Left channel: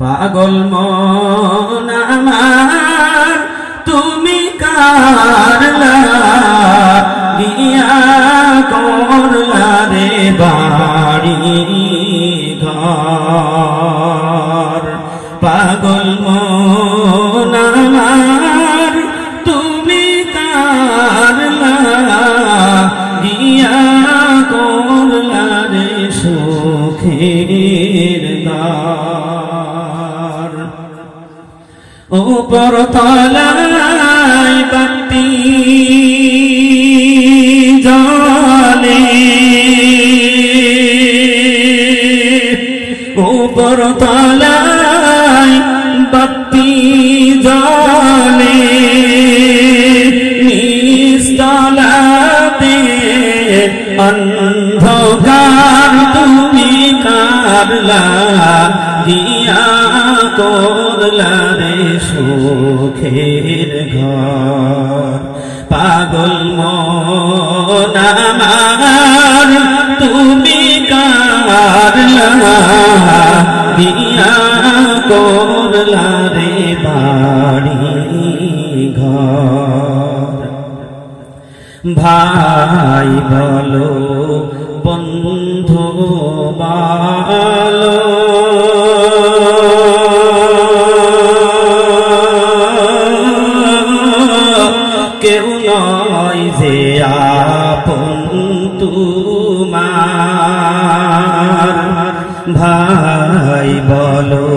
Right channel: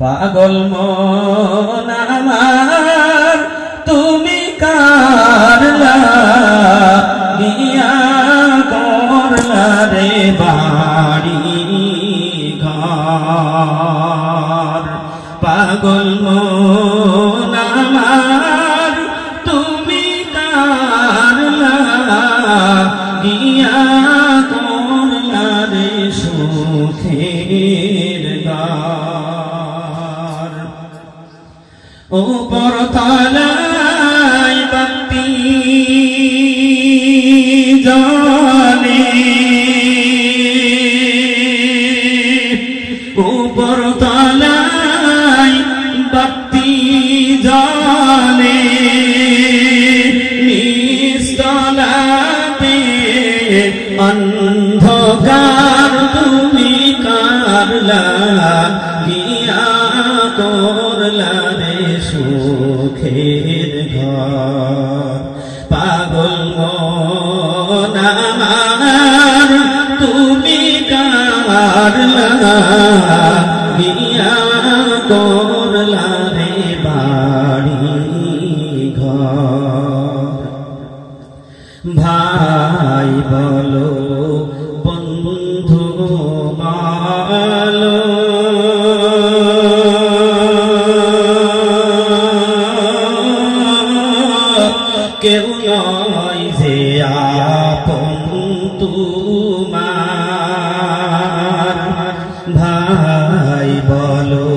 পাগল মন আমার তুমি কার লাগিয়া করলা রে বাড়ি ঘর। পাগল মন আমার তুমি কার লাগিয়া করলা রে সুখের দ্বার। উপর তলায় বাতি জ্বলে, উপর তলায় বাতি জ্বলে, নিস্তলাতে অন্ধকার তুমি কার লাগিয়া করলা রে সুখের ঘর। পাগল মন আমার তুমি কার লাগিয়া করলা রে বাড়ি ঘর। ভাই বলো বন্ধু বলো কেউ নয় যে আপন তোমার। ভাই বলো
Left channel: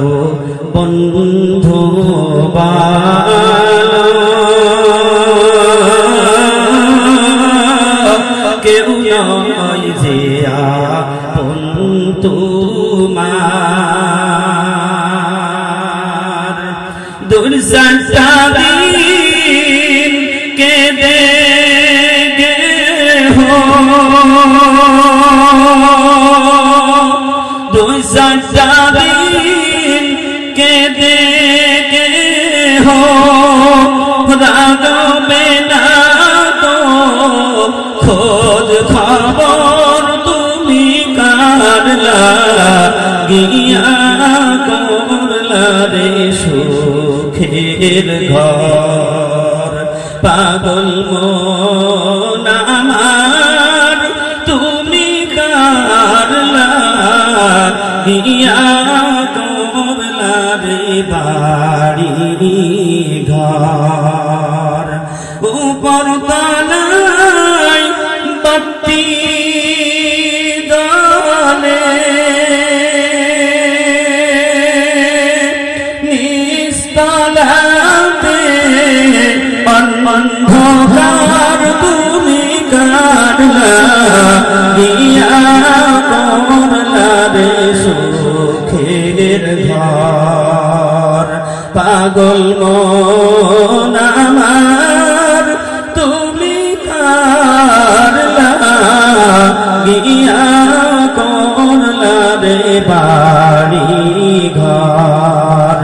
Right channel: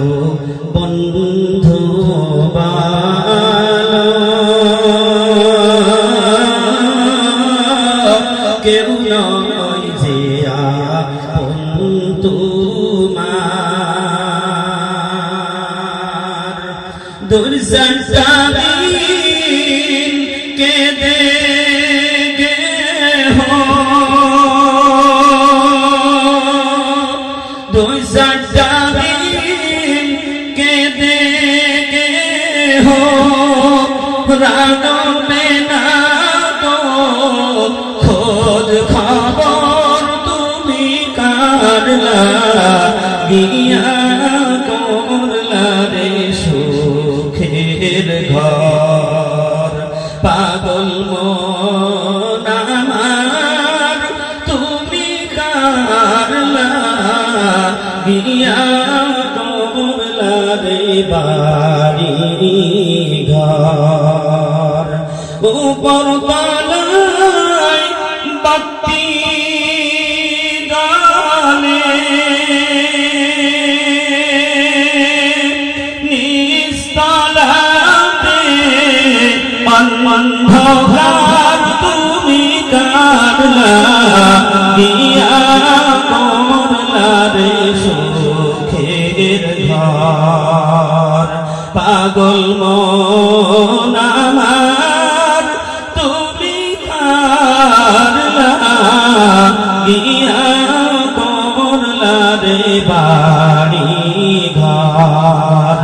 বন্ধু বলো কেউ নয় যে আপন তোমার। দুর্জনতা দিন কেঁদে গেহো, দুর্জনতা দিন কেঁদে গেহো, রাগবে না তো খোঁজ খবর তুমি কার লাগিয়া করলা রে সুখের ঘর। পাগল মন আমার তুমি কার লাগিয়া করলা রে বাড়ি ঘর। উপর তলায় বাতি জ্বলে, নিস্তলাতে অন্ধকার তুমি কার লাগিয়া করলা রে সুখের ঘর। পাগল মন আমার তুমি কার লাগিয়া করলা রে বাড়ি ঘর।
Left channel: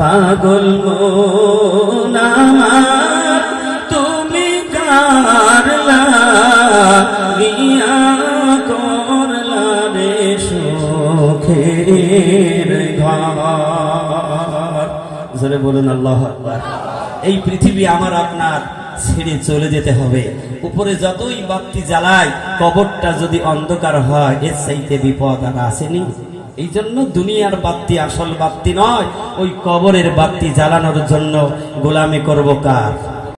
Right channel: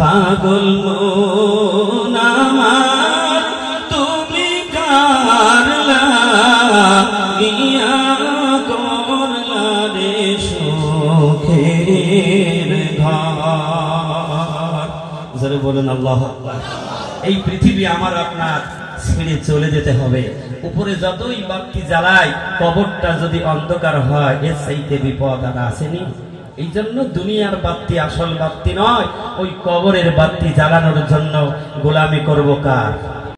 পাগল মন আমার তুমি কার লাগিয়া করলা রে সুখের ঘর। জোরে বলুন আল্লাহু আকবার। এই পৃথিবী আমার আপনার ছেড়ে চলে যেতে হবে। উপরে যতই বাতি জ্বালায় কবরটা যদি অন্ধকার হয় এর চাইতে বিপদ আর আসেনি। এই জন্য দুনিয়ার বাতি আসল বাতি নয়, ওই কবরের বাতি জ্বালানোর জন্য গোলামি করব কার?